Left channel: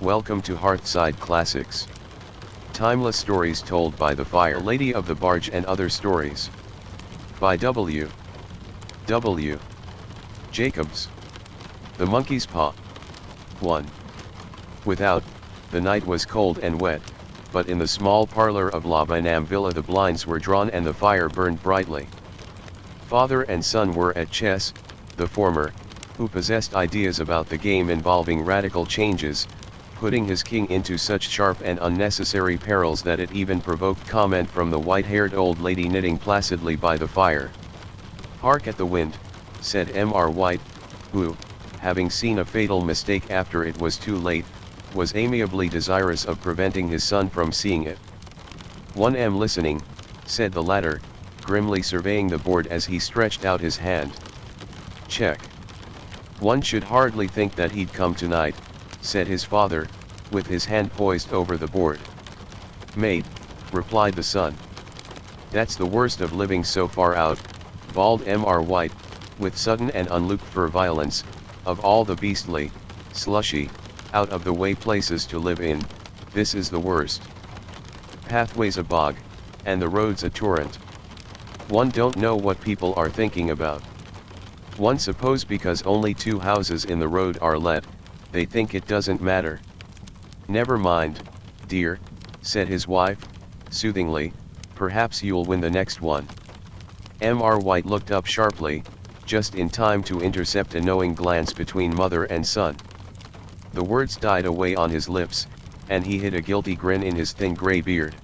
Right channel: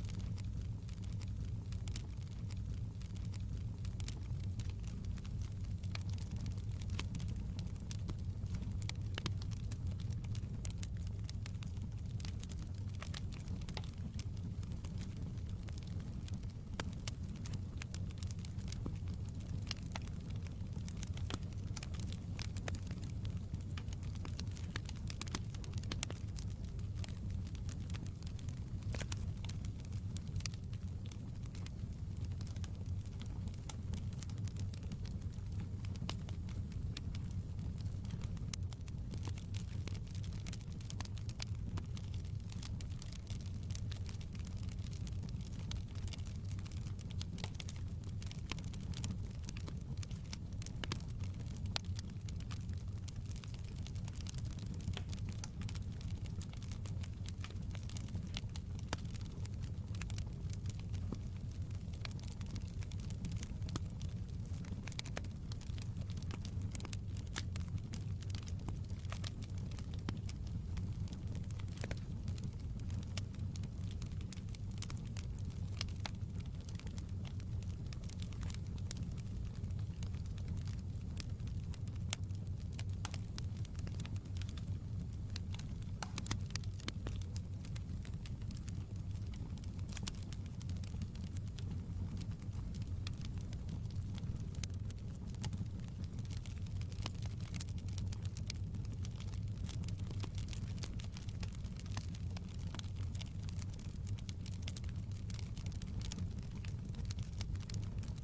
Welcome to Hearthside Classics. Timeless stories told by the fire, the Lady of the Barge and other stories. By W. W. Jacobs. The Monkey's Paw. 1. Without, the night was cold and wet, but in the small parlor of La Binam Villa the blinds were drawn and the fire burned brightly. Father and son were at chess, the former, who possessed ideas about the game involving radical changes, putting his king into such sharp and unnecessary perils that it even provoked comment from the white-haired old lady knitting placidly by the fire. "Hark at the wind," said Mr. White, who, having seen a fatal mistake after it was too late, was amiably desirous of preventing his son from seeing it. "One am listening," said the latter, grimly surveying the board as he stretched out his hand. "Check. One should hardly think that he'd come tonight," said his father, with his hand poised over the board. "Mate," replied the son. "That's the worst of living so far out," bawled Mr. White, with sudden and unlooked-for violence, "of all the beastly, slushy, out-of-the-way places to live in, this is the worst. Pathways a bog, and the roads a torrent. One don't know what people are thinking about. One suppose because only 2 houses in the road are let, they think it doesn't matter. Never mind, dear," said his wife, soothingly, "perhaps you'll win the next one." Mr. White looked up sharply, just in time to intercept a knowing glance between mother and son. The words died away on his lips, and he hid a guilty grin in his thin grey beard.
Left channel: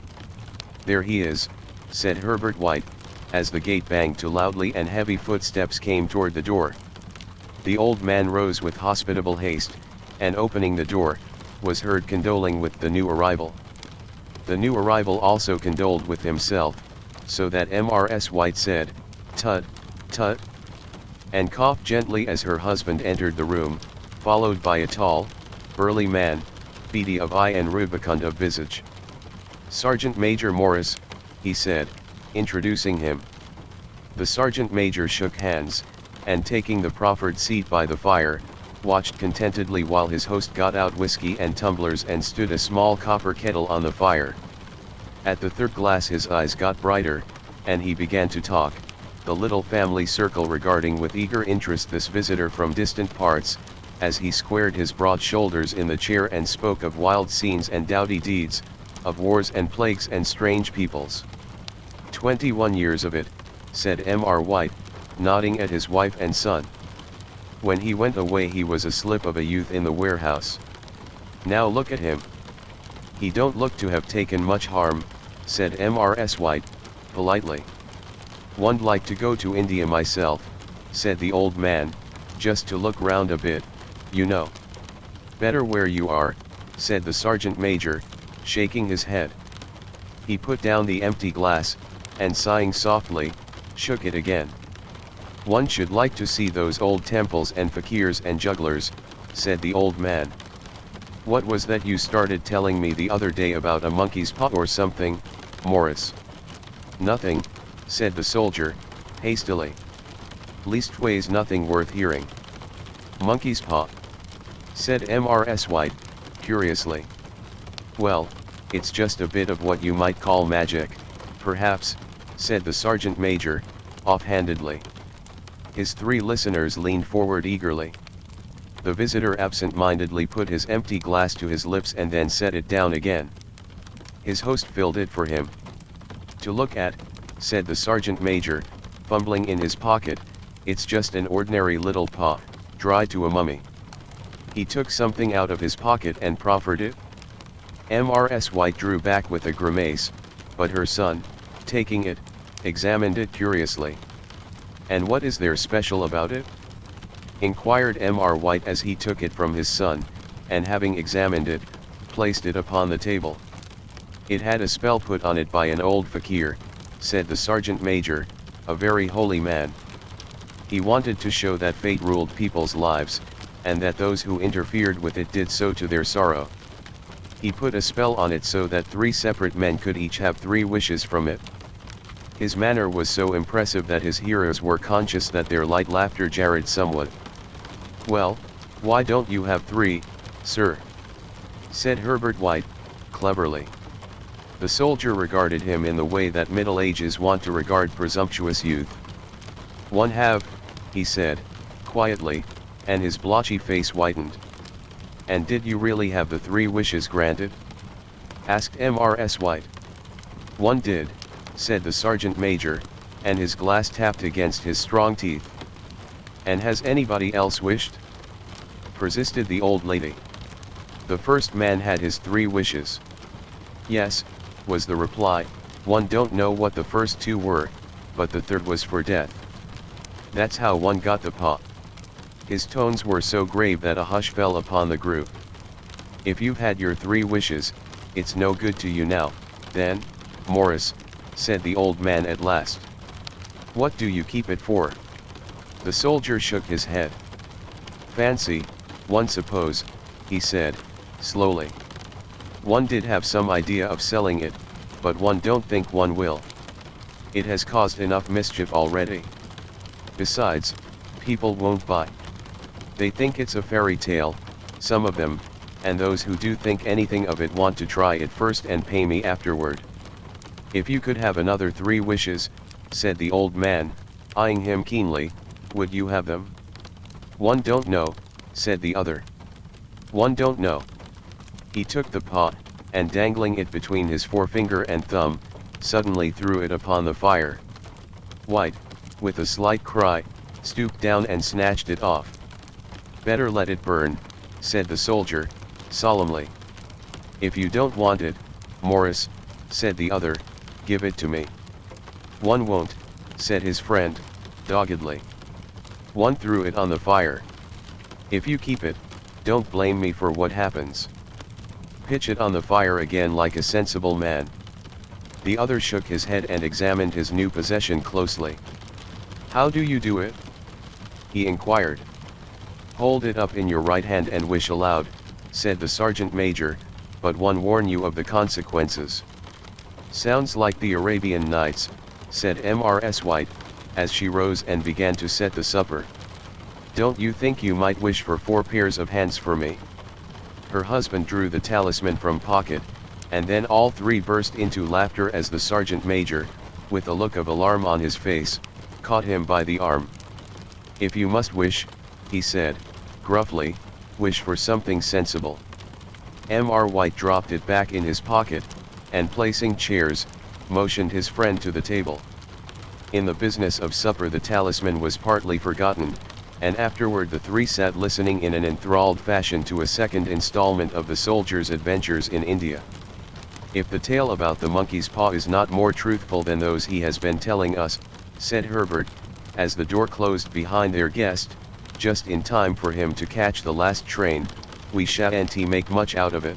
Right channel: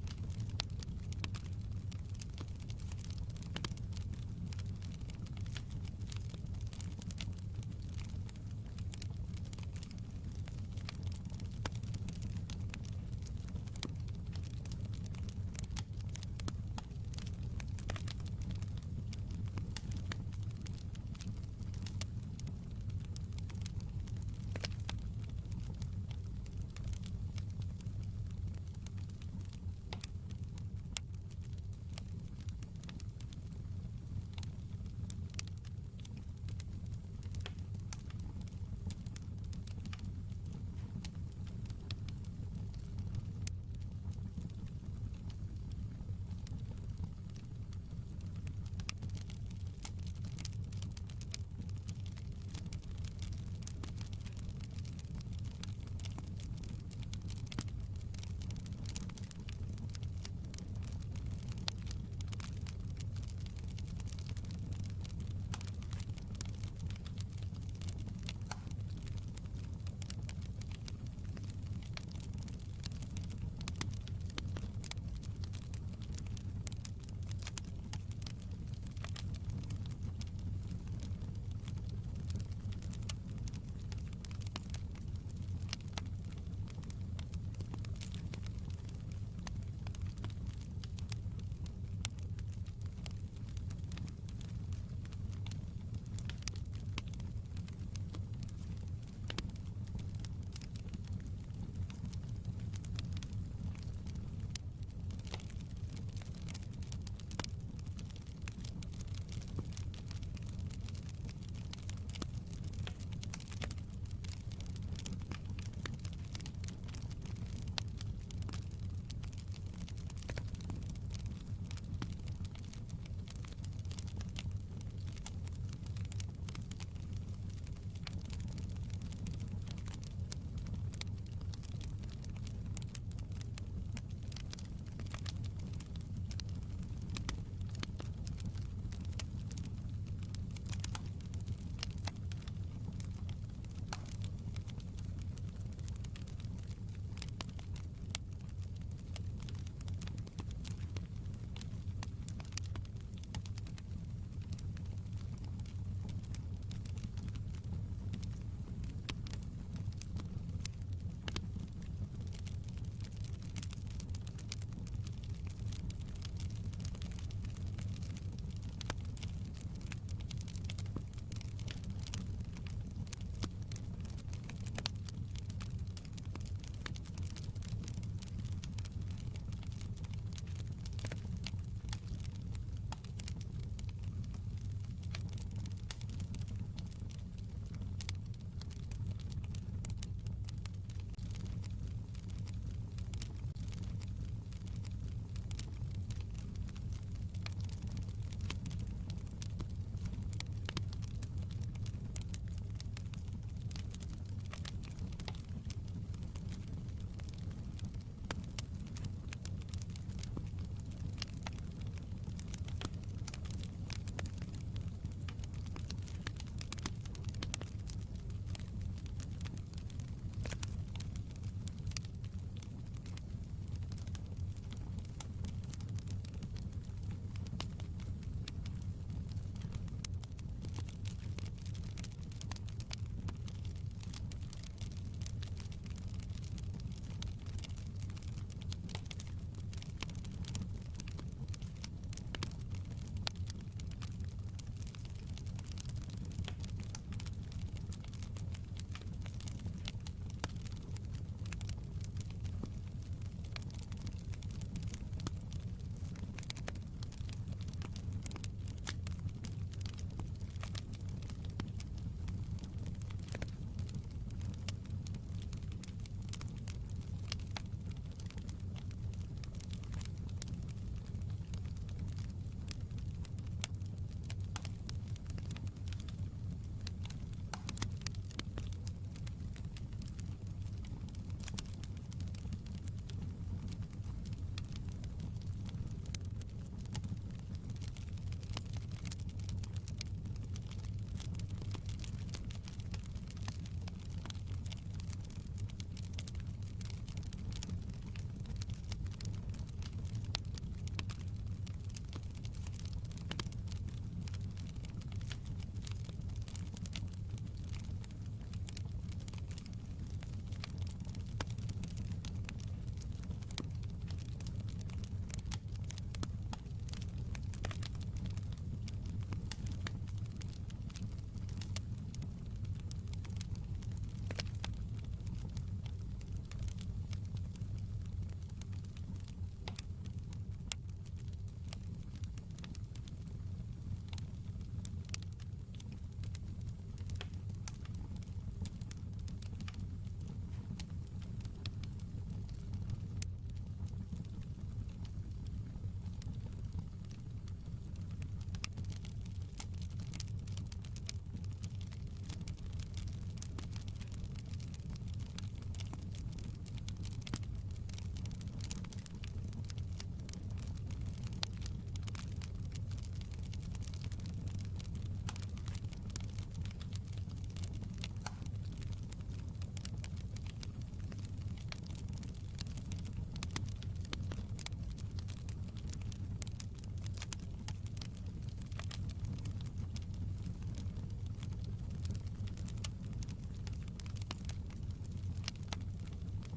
"There he is," said Herbert White, as the gate banged to loudly and heavy footsteps came toward the door. The old man rose with hospitable haste, and opening the door, was heard condoling with the new arrival. The new arrival also condoled with himself, so that Mr. White said, "Tut, tut," and coughed gently as her husband entered the room, followed by a tall, burly man, beady of eye and rubicund of visage. "Sergeant Major Morris," he said, introducing him. The sergeant major shook hands, and taking the proffered seat by the fire, watched contentedly while his host got out whiskey and tumblers and stood a small copper kettle on the fire. At the third glass his eyes got brighter, and he began to talk, the little family circle regarding with eager interest this visitor from distant parts, as he squared his broad shoulders in the chair and spoke of wild scenes and doughty deeds, of wars and plagues and strange peoples. 21 years of it," said Mr. White, nodding at his wife and son. "When he went away he was a slip of a youth in the warehouse. Now look at him. He don't look to have taken much harm," said Mr. White, politely. "One'd like to go to India myself," said the old man, "just to look round a bit, you know." "Better where you are," said the sergeant major, shaking his head. He put down the empty glass, and sighing softly, shook it again. "One should like to see those old temples and fakirs and jugglers," said the old man. "What was that you started telling me the other day about a monkey's paw or something, Morris?" "Nothing," said the soldier, hastily. "Leastways nothing worth hearing." "Monkey's paw?" said Mr. White, curiously. "Well, it's just a bit of what you might call magic, perhaps," said the sergeant major, offhandedly. His 3 listeners leaned forward eagerly. The visitor absent-mindedly put his empty glass to his lips and then set it down again. His host filled it for him. "To look at," said the sergeant major, fumbling in his pocket, "it's just an ordinary little paw, dried to a mummy." He took something out of his pocket and proffered it. Mr. White drew back with a grimace, but her son, taking it, examined it curiously. "And what is there special about it?" inquired Mr. White as he took it from his son, and having examined it, placed it upon the table. "It had a spell put on it by an old fakir," said the sergeant major, "a very holy man. He wanted to show that fate ruled people's lives, and that those who interfered with it did so to their sorrow. He put a spell on it so that 3 separate men could each have 3 wishes from it. His manner was so impressive that his hearers were conscious that their light laughter jarred somewhat. "Well, why don't you have 3, sir?" said Herbert White, cleverly. The soldier regarded him in the way that Middle Ages want to regard presumptuous youth. "One have," he said, quietly, and his blotchy face whitened. "And did you really have the 3 wishes granted?" asked Mrs. White. "One did," said the sergeant major, and his glass tapped against his strong teeth. "And has anybody else wished?" persisted the old lady. "The first man had his 3 wishes." "Yes," was the reply, "one don't know what the first 2 were, but the third was for death. That's how one got the paw." His tones were so grave that a hush fell upon the group. "If you've had your 3 wishes, it's no good to you now, then, Morris," said the old man at last. "What do you keep it for?" The soldier shook his head. "Fancy, one suppose," he said, slowly. "One did have some idea of selling it, but one don't think one will. It has caused enough mischief already. Besides, people won't buy. They think it's a fairy tale, some of them, and those who do think anything of it want to try it first and pay me afterward. If you could have another 3 wishes," said the old man, eyeing him keenly, "would you have them?" "One don't know," said the other. "One don't know." He took the paw, and dangling it between his forefinger and thumb, suddenly threw it upon the fire. White, with a slight cry, stooped down and snatched it off. "Better let it burn," said the soldier, solemnly. "If you don't want it, Morris," said the other, "give it to me." "One won't," said his friend, doggedly. "One threw it on the fire. If you keep it, don't blame me for what happens. Pitch it on the fire again like a sensible man." The other shook his head and examined his new possession closely. "How do you do it?" he inquired. "Hold it up in your right hand and wish aloud," said the sergeant major, "but one warn you of the consequences." "Sounds like the Arabian Nights," said Mrs. White, as she rose and began to set the supper. "Don't you think you might wish for 4 pairs of hands for me?" Her husband drew the talisman from pocket, and then all 3 burst into laughter as the sergeant major, with a look of alarm on his face, caught him by the arm. "If you must wish," he said, gruffly, "wish for something sensible." Mr. White dropped it back in his pocket, and placing chairs, motioned his friend to the table. In the business of supper the talisman was partly forgotten, and afterward the 3 sat listening in an enthralled fashion to a second installment of the soldier's adventures in India. "If the tale about the monkey's paw is not more truthful than those he has been telling us," said Herbert, as the door closed behind their guest, just in time for him to catch the last train, "we shan't make much out of it."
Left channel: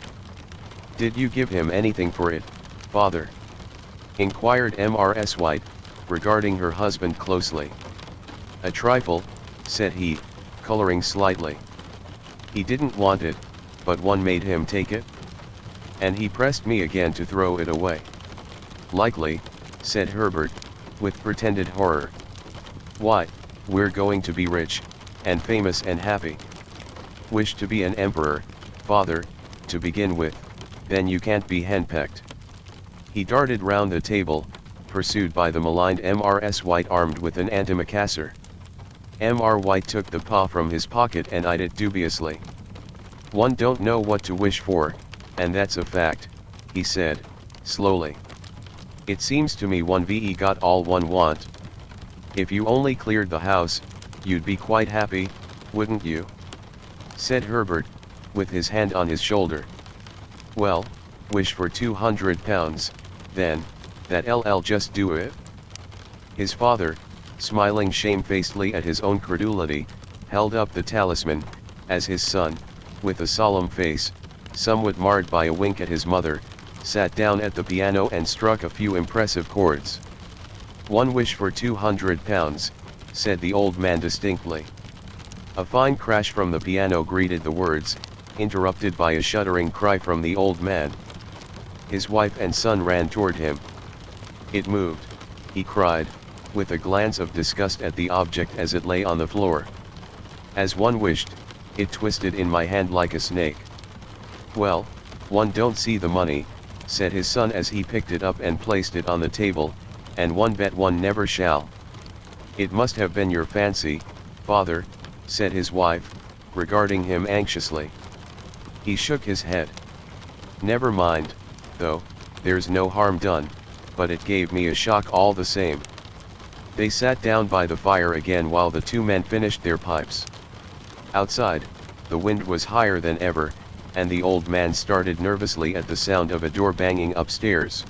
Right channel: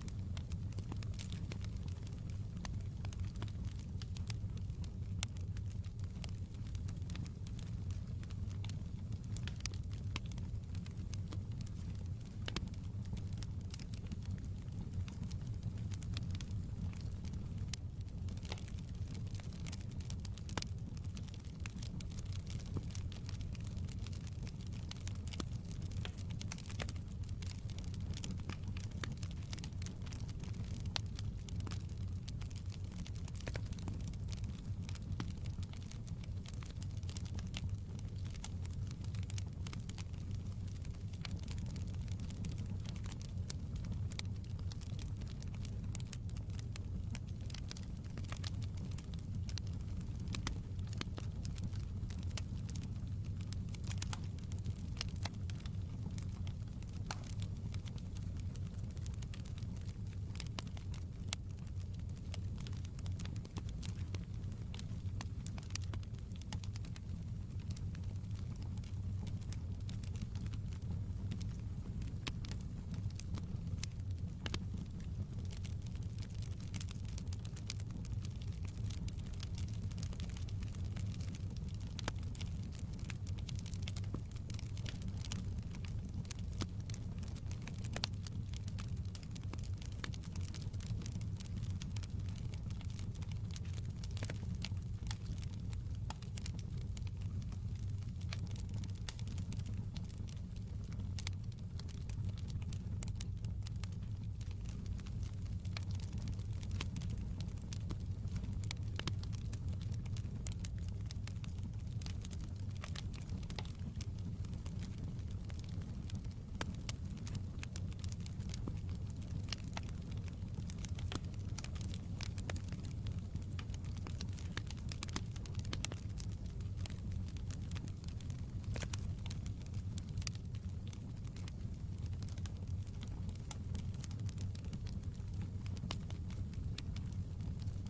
"Did you give him anything for it, father?" inquired Mrs. White, regarding her husband closely. "A trifle," said he, coloring slightly. "He didn't want it, but one made him take it. And he pressed me again to throw it away." "Likely," said Herbert, with pretended horror. "Why, we're going to be rich, and famous and happy. Wish to be an emperor, father, to begin with, then you can't be henpecked." He darted round the table, pursued by the maligned Mrs. White armed with an antimacassar. Mr. White took the paw from his pocket and eyed it dubiously. "One don't know what to wish for, and that's a fact," he said, slowly. "It seems to me one ve got all one want. If you only cleared the house, you'd be quite happy, wouldn't you?" said Herbert, with his hand on his shoulder. "Well, wish for £200, then, that'll just do it." His father, smiling shamefacedly at his own credulity, held up the talisman, as his son, with a solemn face, somewhat marred by a wink at his mother, sat down at the piano and struck a few impressive chords. "One wish for £200, said the old man distinctly. A fine crash from the piano greeted the words, interrupted by a shuddering cry from the old man. His wife and son ran toward him. "It moved," he cried, with a glance of disgust at the object as it lay on the floor. "As one wished, it twisted in my hand like a snake." "Well, "One don't see the money," said his son as he picked it up and placed it on the table, "and one bet one never shall." "It must have been your fancy, father," said his wife, regarding him anxiously. He shook his head. "Never mind, though, there's no harm done, but it gave me a shock all the same." They sat down by the fire again while the two men finished their pipes. Outside, the wind was higher than ever, and the old man started nervously at the sound of a door banging upstairs.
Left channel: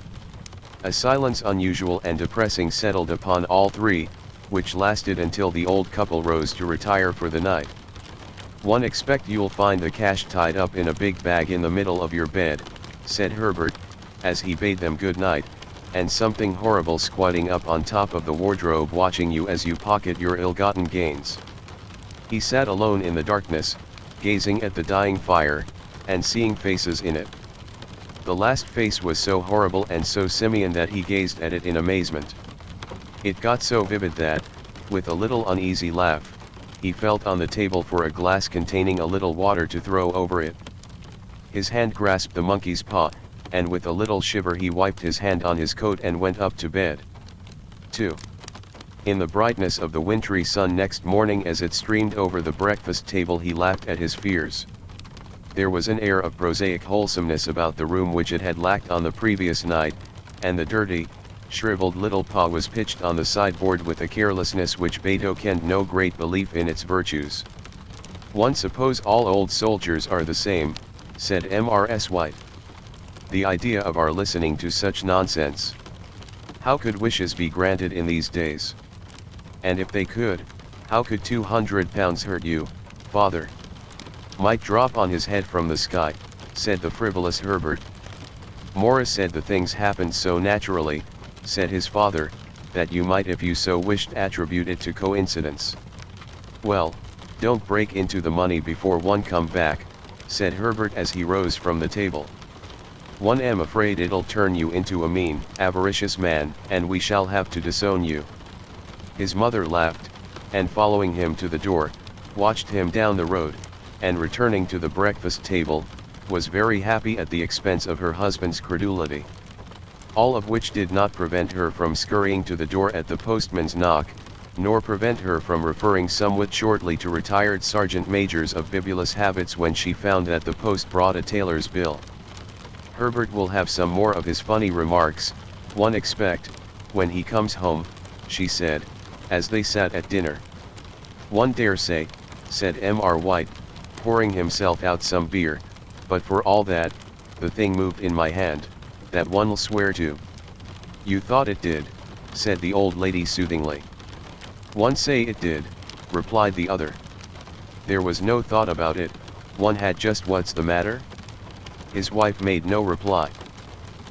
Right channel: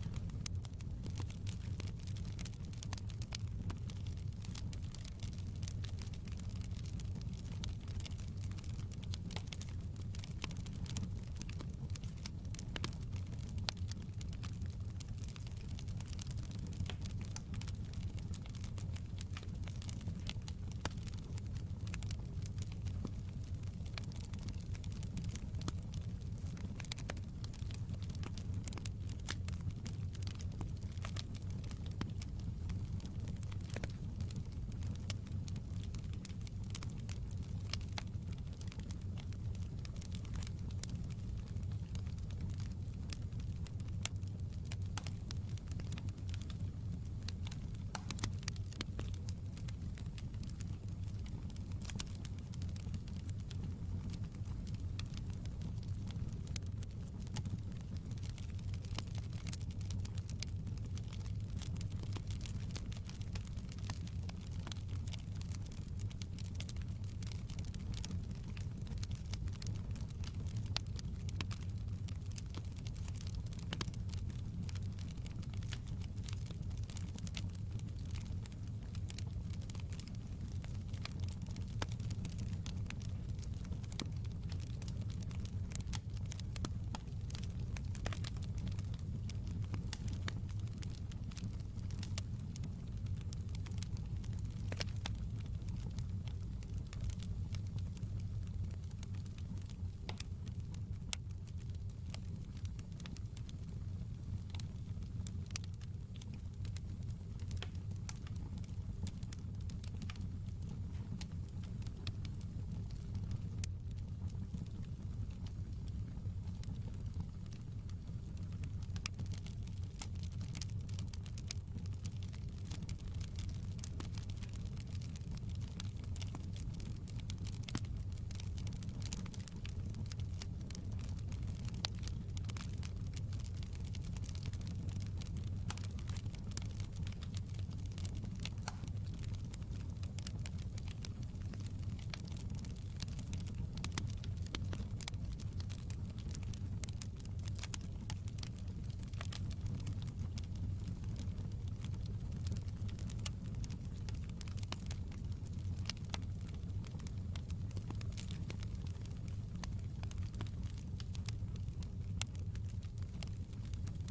A silence unusual and depressing settled upon all three, which lasted until the old couple rose to retire for the night. "One expect you'll find the cash tied up in a big bag in the middle of your bed," said Herbert, as he bade them good night, "and something horrible squatting up on top of the wardrobe watching you as you pocket your ill-gotten gains." He sat alone in the darkness, gazing at the dying fire, and seeing faces in it. The last face was so horrible and so simian that he gazed at it in amazement. It got so vivid that, with a little uneasy laugh, he felt on the table for a glass containing a little water to throw over it. His hand grasped the monkey's paw, and with a little shiver he wiped his hand on his coat and went up to bed. 2. In the brightness of the wintry sun next morning as it streamed over the breakfast table he laughed at his fears. There was an air of prosaic wholesomeness about the room which it had lacked on the previous night, and the dirty, shriveled little paw was pitched on the sideboard with a carelessness which betokened no great belief in its virtues. "One suppose all old soldiers are the same," said Mrs. White. "The idea of our listening to such nonsense. How could wishes be granted in these days? And if they could, how could £200 hurt you, father?" "Might drop on his head from the sky," said the frivolous Herbert. "Morris said the things happened so naturally," said his father, "that you might if you so wished attribute it to coincidence." "Well, don't break into the money before one come back," said Herbert as he rose from the table. "One am afraid it'll turn you into a mean, avaricious man, and we shall have to disown you." His mother laughed, and following him to the door, watched him down the road, and returning to the breakfast table, was very happy at the expense of her husband's credulity. All of which did not prevent her from scurrying to the door at the postman's knock, nor prevent her from referring somewhat shortly to retired sergeant majors of bibulous habits when she found that the post brought a tailor's bill. "Herbert will have some more of his funny remarks, one expect, when he comes home," she said, as they sat at dinner. "One dare say," said Mr. White, pouring himself out some beer, "but for all that, the thing moved in my hand, that one'll swear to." "You thought it did," said the old lady soothingly. "One say it did," replied the other. "There was no thought about it, one had just what's the matter?" His wife made no reply.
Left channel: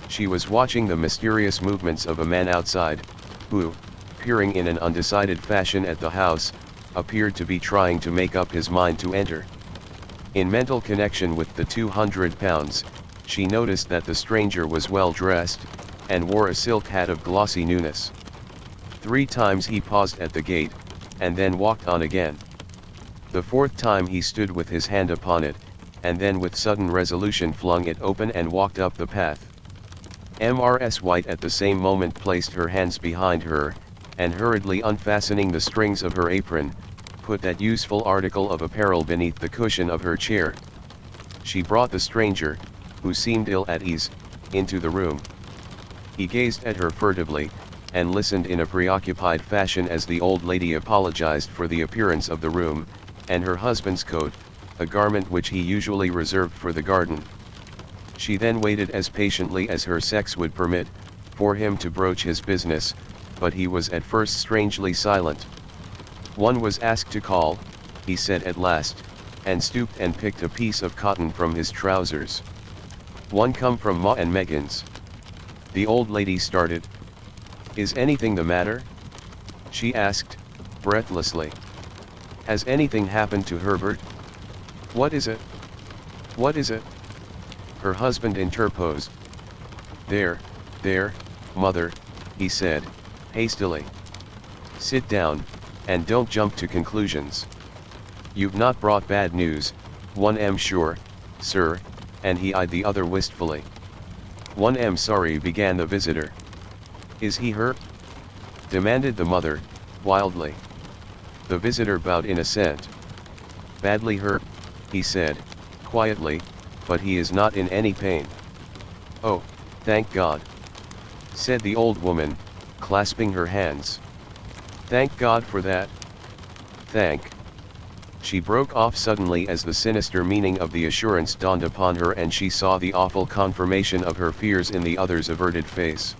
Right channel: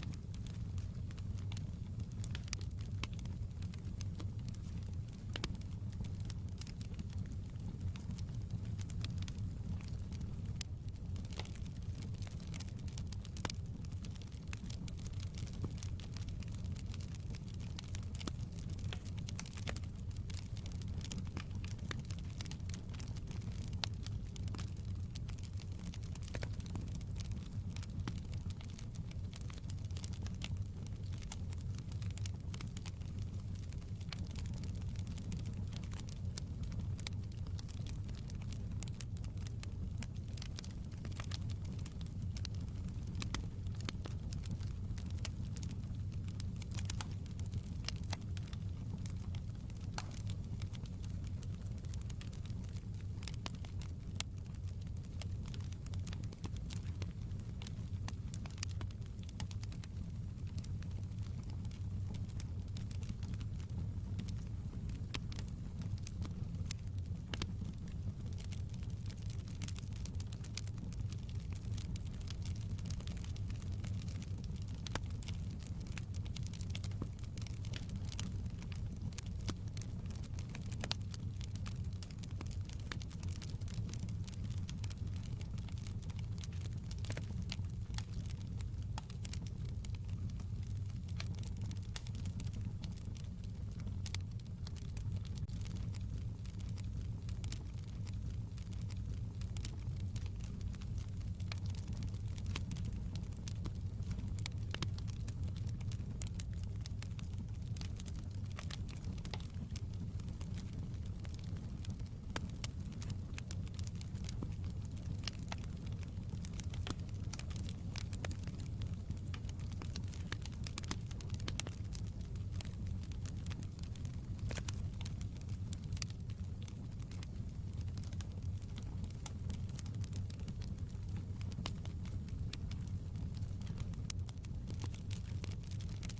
She was watching the mysterious movements of a man outside, who, peering in an undecided fashion at the house, appeared to be trying to make up his mind to enter. In mental connection with the £200, she noticed that the stranger was well dressed, and wore a silk hat of glossy newness. 3 times he paused at the gate, and then walked on again. The 4th time he stood with his hand upon it, and then with sudden resolution flung it open and walked up the path. Mrs. White at the same moment placed her hands behind her, and hurriedly unfastening the strings of her apron, put that useful article of apparel beneath the cushion of her chair. She brought the stranger, who seemed ill at ease, into the room. He gazed at her furtively, and listened in a preoccupied fashion as the old lady apologized for the appearance of the room, and her husband's coat, a garment which he usually reserved for the garden. She then waited as patiently as her sex would permit, for him to broach his business, but he was at first strangely silent. "One was asked to call," he said at last, and stooped and picked a piece of cotton from his trousers. "One come from Ma and Megan's." The old lady started. "Is anything the matter?" she asked, breathlessly. "Has anything happened to Herbert? What is it? What is it?" Her husband interposed. There, mother," he said, hastily. "Sit down, and don't jump to conclusions. You've not brought bad news, one am sure, sir," and he eyed the other wistfully. "I'm sorry," began the visitor. "Is he her?" demanded the mother, wildly. The visitor bowed in assent. "Badly hurt," he said, quietly, "but he is not in any pain." "Oh, thank God," said the old woman, clasping her hands. "Thank God for that. Thank—" She broke off suddenly as the sinister meaning of the assurance dawned upon her and she saw the awful confirmation of her fears in the other's averted face.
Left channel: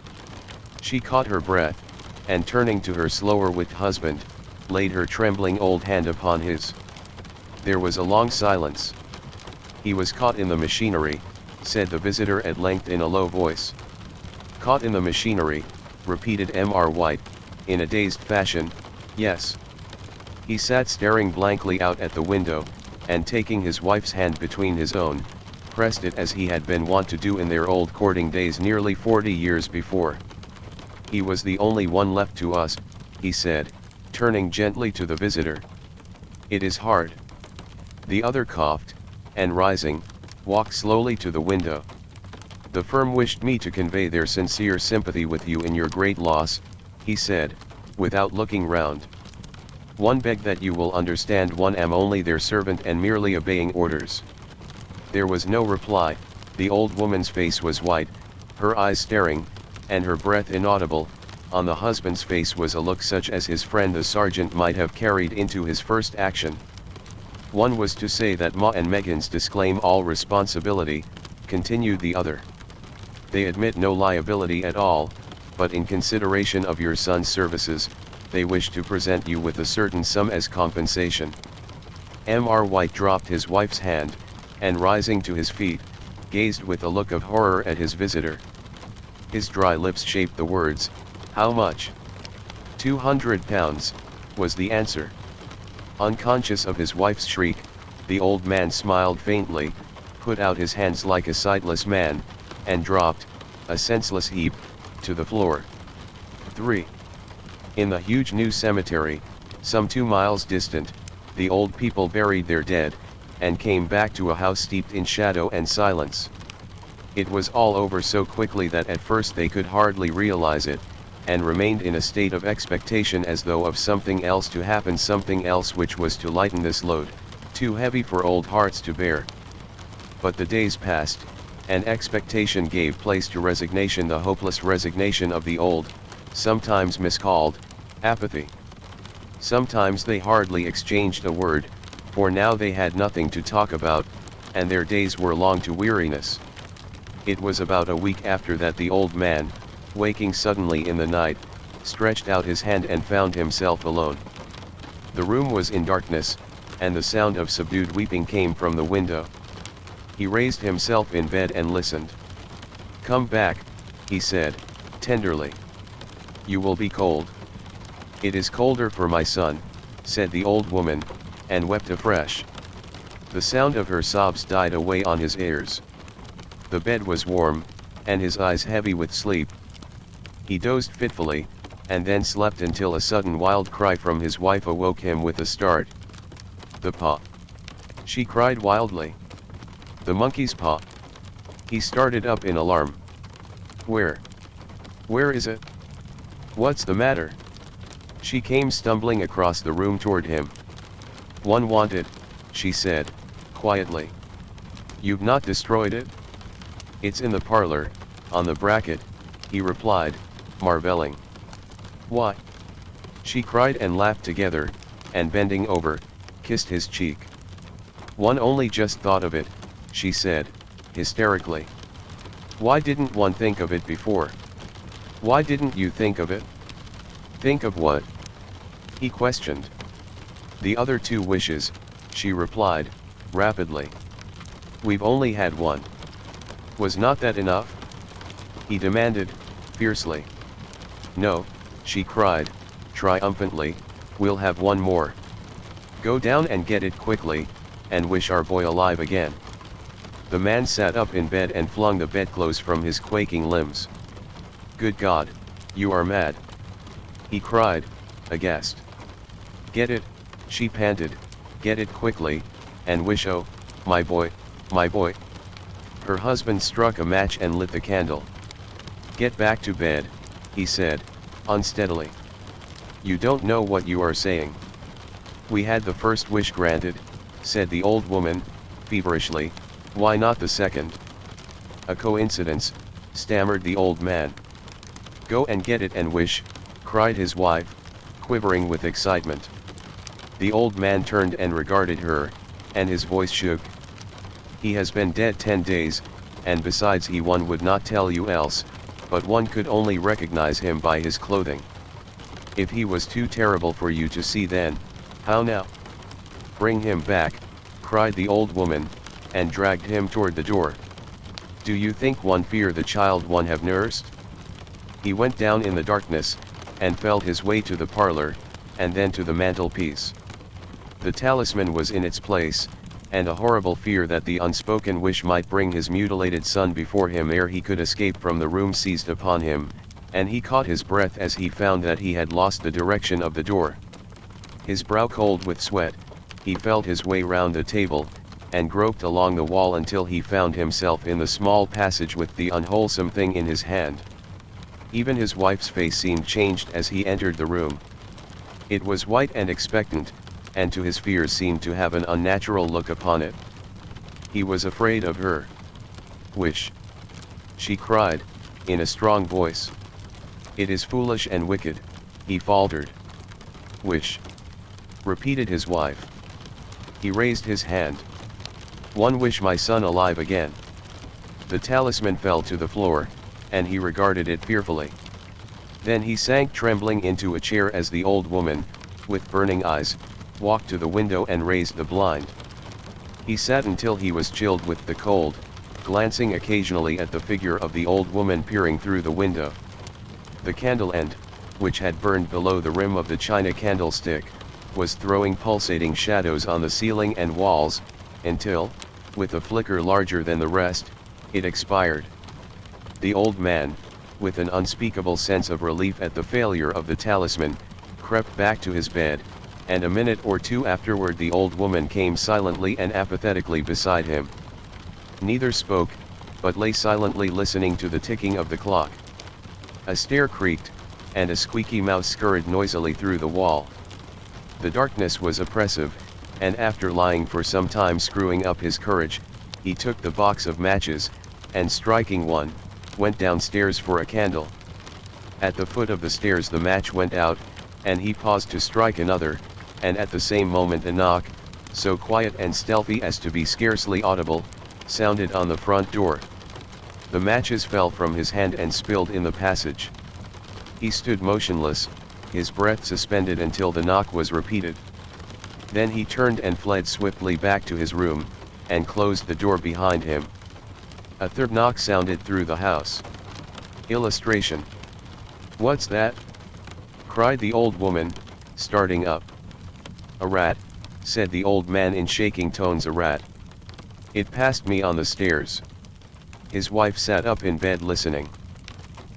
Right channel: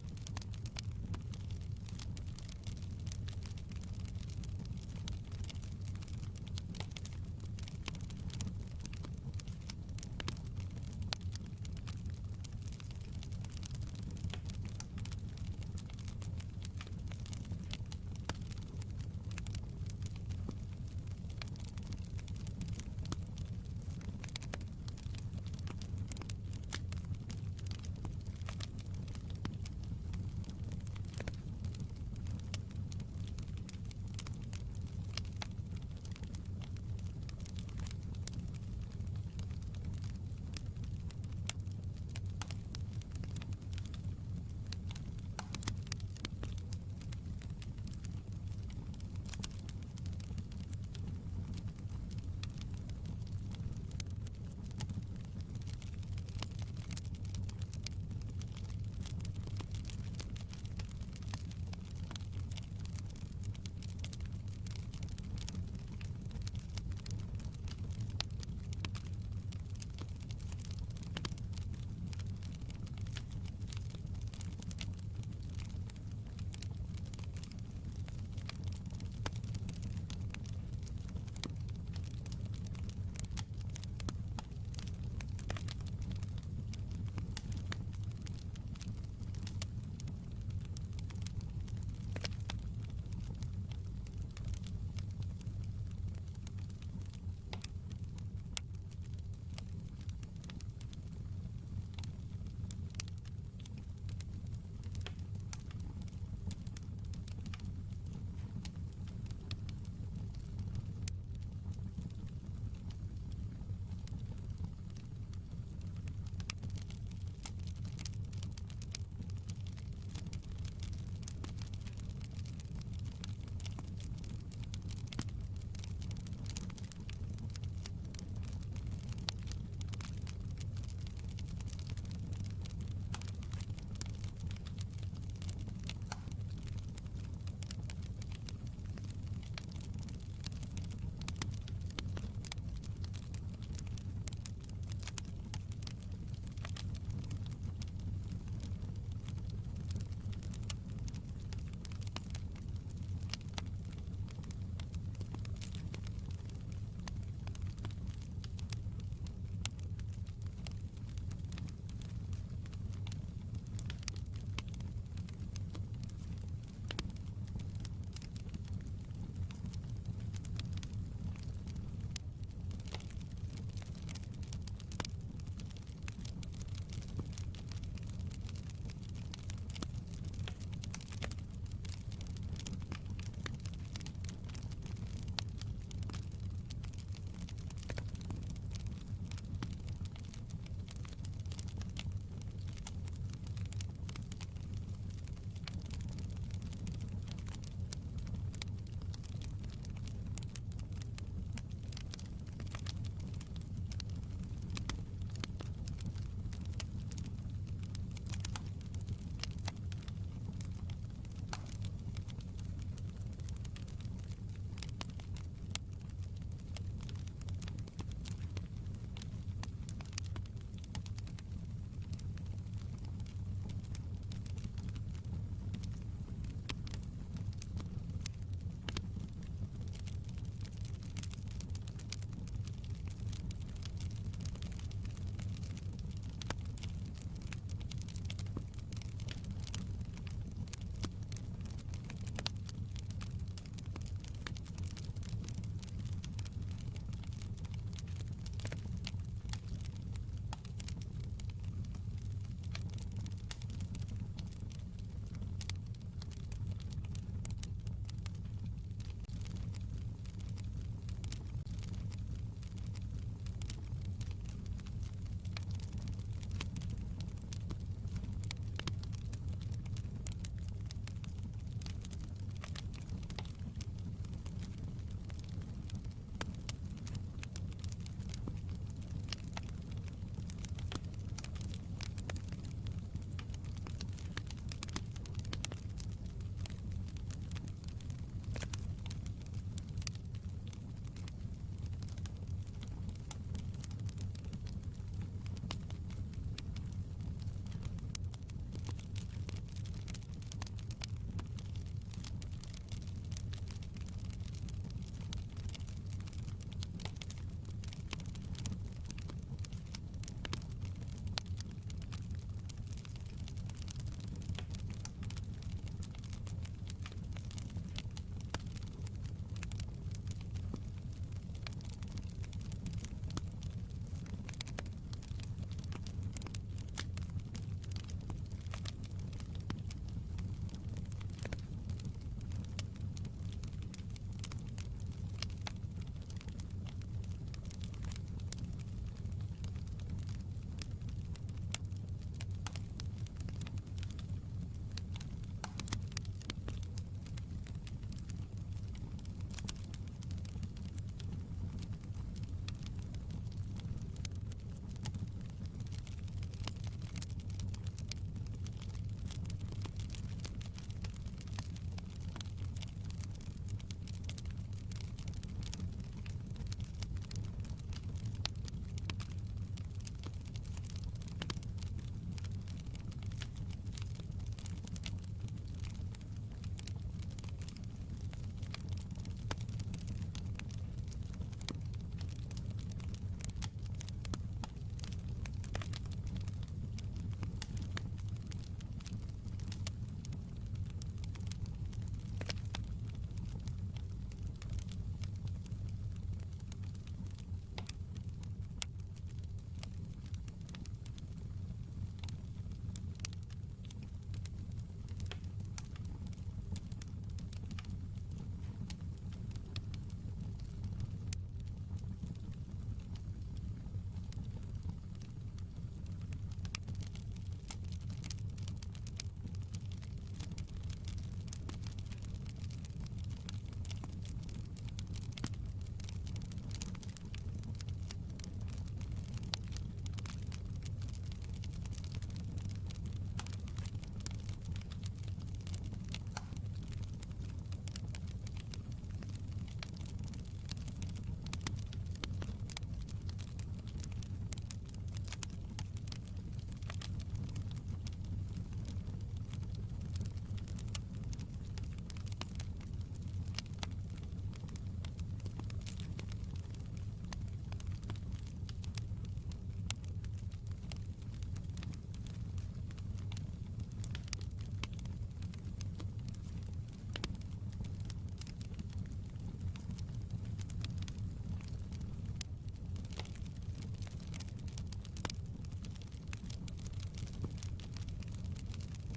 She caught her breath, and turning to her slower-witted husband, laid her trembling old hand upon his. There was a long silence. "He was caught in the machinery," said the visitor at length in a low voice. "Caught in the machinery," repeated Mr. White, in a dazed fashion. "Yes." He sat staring blankly out at the window, and taking his wife's hand between his own, pressed it as he had been wont to do in their old courting days nearly 40 years before. "He was the only one left to us," he said, turning gently to the visitor. "It is hard." The other coughed, and rising, walked slowly to the window. "The firm wished me to convey their sincere sympathy with you in your great loss," he said, without looking round. "One beg that you will understand am only their servant and merely obeying orders." There was no reply. The old woman's face was white, her eyes staring, and her breath inaudible. On the husband's face was a look such as his friend the sergeant might have carried into his first action. "One was to say that Ma and Meggins disclaim all responsibility," continued the other. "They admit no liability at all, but in consideration of your son's services, they wish to present you with a certain sum as compensation." Mr. White dropped his wife's hand, and rising to his feet, gazed with a look of horror at his visitor. His dry lips shaped the words, "How much?" £200, was the answer. Unconscious of his wife's shriek, the old man smiled faintly, put out his hands like a sightless man, and dropped, a senseless heap, to the floor. 3. In the huge new cemetery, some 2 miles distant, the old people buried their dead, and came back to a house steeped in shadow and silence. It was all over so quickly that at first they could hardly realize it, and remained in a state of expectation as though of something else to happen, something else which was to lighten this load, too heavy for old hearts to bear. But the days passed, and expectation gave place to resignation, the hopeless resignation of the old, sometimes miscalled apathy. Sometimes they hardly exchanged a word, for now they had nothing to talk about, and their days were long to weariness. It was about a week after that the old man, waking suddenly in the night, stretched out his hand and found himself alone. The room was in darkness, and the sound of subdued weeping came from the window. He raised himself in bed and listened. "Come back," he said, tenderly. "You will be cold." "It is colder for my son," said the old woman, and wept afresh. The sound of her sobs died away on his ears. The bed was warm, and his eyes heavy with sleep. He dozed fitfully, and then slept until a sudden wild cry from his wife awoke him with a start. "The paw!" she cried wildly. "The monkey's paw!" He started up in alarm. Where is it? What's the matter?" She came stumbling across the room toward him. "One wanted," she said, quietly. "You've not destroyed it?" "It's in the parlor, on the bracket," he replied, marveling. "Why?" she cried and laughed together, and bending over, kissed his cheek. "One only just thought of it," she said, hysterically. "Why didn't one think of it before? Why didn't you think of it?" "Think of what?" he questioned. "The other 2 wishes," she replied, rapidly. "We've only had one. Was not that enough?" he demanded, fiercely. "No," she cried, triumphantly, "we'll have one more. Go down and get it quickly, and wish our boy alive again." The man sat up in bed and flung the bedclothes from his quaking limbs. "Good God, you are mad!" he cried, aghast. "Get it," she panted, "get it quickly, and wish, oh, my boy, my boy." Her husband struck a match and lit the candle. "Get back to bed," he said, unsteadily. "You don't know what you are saying." "We had the first wish granted," said the old woman, feverishly, "why not the second?" "A coincidence," stammered the old man. "Go and get it and wish," cried his wife, quivering with excitement. The old man turned and regarded her, and his voice shook. "He has been dead 10 days, and besides one would not tell you else, but one could only recognize him by his clothing. If he was too terrible for you to see then, how now?" "Bring him back," cried the old woman, and dragged him toward the door. "Do you think one fear the child one have nursed?" He went down in the darkness, and felt his way to the parlor, and then to the mantelpiece. The talisman was in its place, and a horrible fear that the unspoken wish might bring his mutilated son before him ere he could escape from the room seized upon him, and he caught his breath as he found that he had lost the direction of the door. His brow cold with sweat, he felt his way round the table, and groped along the wall until he found himself in the small passage with the unwholesome thing in his hand. Even his wife's face seemed changed as he entered the room. It was white and expectant, and to his fears seemed to have an unnatural look upon it. He was afraid of her. "Wish," she cried, in a strong voice. "It is foolish and wicked," he faltered. "Wish," repeated his wife. He raised his hand. "One wish my son alive again." The talisman fell to the floor, and he regarded it fearfully. Then he sank trembling into a chair as the old woman, with burning eyes, walked to the window and raised the blind. He sat until he was chilled with the cold, glancing occasionally at the figure of the old woman peering through the window. The candle end, which had burned below the rim of the china candlestick, was throwing pulsating shadows on the ceiling and walls, until, with a flicker larger than the rest, it expired. The old man, with an unspeakable sense of relief at the failure of the talisman, crept back to his bed, and a minute or two afterward the old woman came silently and apathetically beside him. Neither spoke, but lay silently listening to the ticking of the clock. A stair creaked, and a squeaky mouse scurried noisily through the wall. The darkness was oppressive, and after lying for some time screwing up his courage, he took the box of matches, and striking one, went downstairs for a candle. At the foot of the stairs the match went out, and he paused to strike another, and at the same moment a knock, so quiet and stealthy as to be scarcely audible, sounded on the front door. The matches fell from his hand and spilled in the passage. He stood motionless, his breath suspended until the knock was repeated. Then he turned and fled swiftly back to his room, and closed the door behind him. A third knock sounded through the house. Illustration. "What's that?" cried the old woman, starting up. "A rat," said the old man in shaking tones. "A rat. It passed me on the stairs." His wife sat up in bed listening.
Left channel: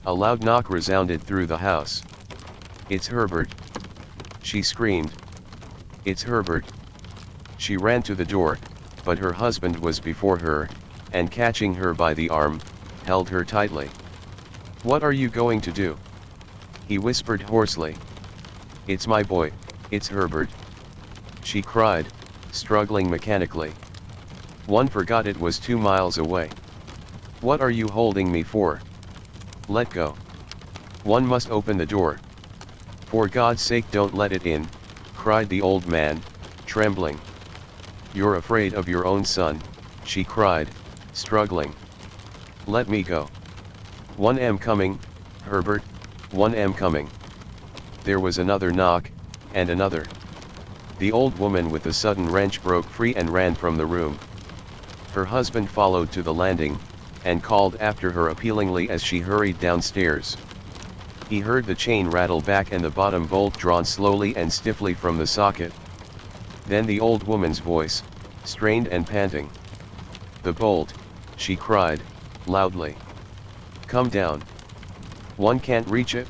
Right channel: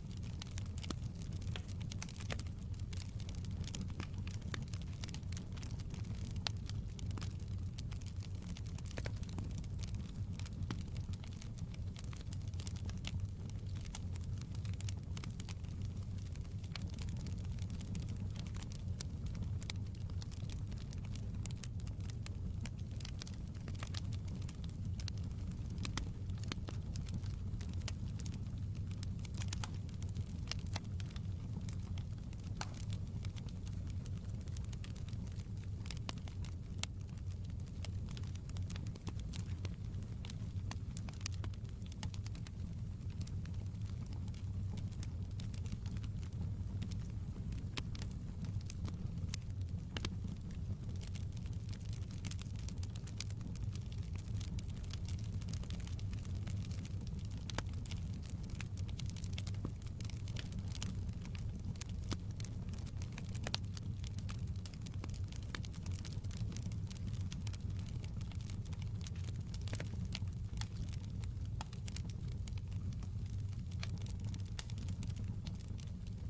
A loud knock resounded through the house. "It's Herbert!" she screamed. "It's Herbert!" She ran to the door, but her husband was before her, and catching her by the arm, held her tightly. "What are you going to do?" he whispered hoarsely. "It's my boy, it's Herbert!" she cried, struggling mechanically. "One forgot it was 2 miles away. What are you holding me for? Let go. One must open the door. For God's sake don't let it in," cried the old man, trembling. "You're afraid of your own son," she cried, struggling. "Let me go. One am coming, Herbert, one am coming." There was another knock, and another. The old woman with a sudden wrench broke free and ran from the room. Her husband followed to the landing, and called after her appealingly as she hurried downstairs. He heard the chain rattle back and the bottom bolt drawn slowly and stiffly from the socket. Then the old woman's voice, strained and panting. "The bolt," she cried, loudly. "Come down. One can't reach it."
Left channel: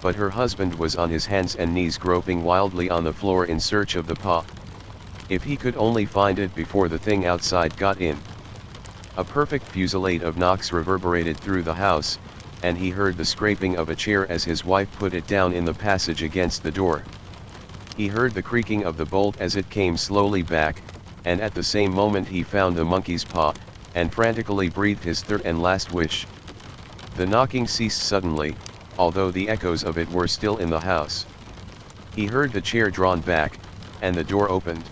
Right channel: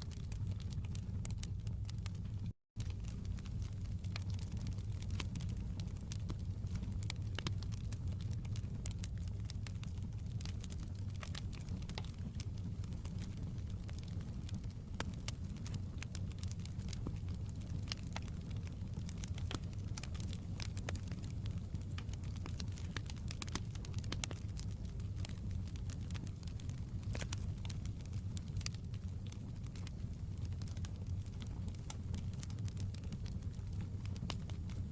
But her husband was on his hands and knees groping wildly on the floor in search of the paw. If he could only find it before the thing outside got in. A perfect fusillade of knocks reverberated through the house, and he heard the scraping of a chair as his wife put it down in the passage against the door. He heard the creaking of the bolt as it came slowly back, and at the same moment he found the monkey's paw, and frantically breathed his third and last wish. The knocking ceased suddenly, although the echoes of it were still in the house. He heard the chair drawn back, and the door opened.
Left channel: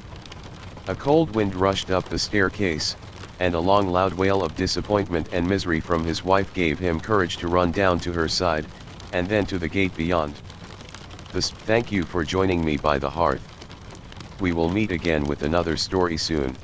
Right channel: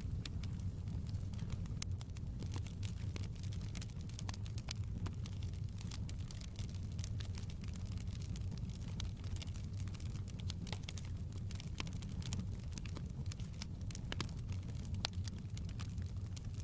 A cold wind rushed up the staircase, and a long loud wail of disappointment and misery from his wife gave him courage to run down to her side, and then to the gate beyond. Thank you for joining me by the hearth. We will meet again with another story soon.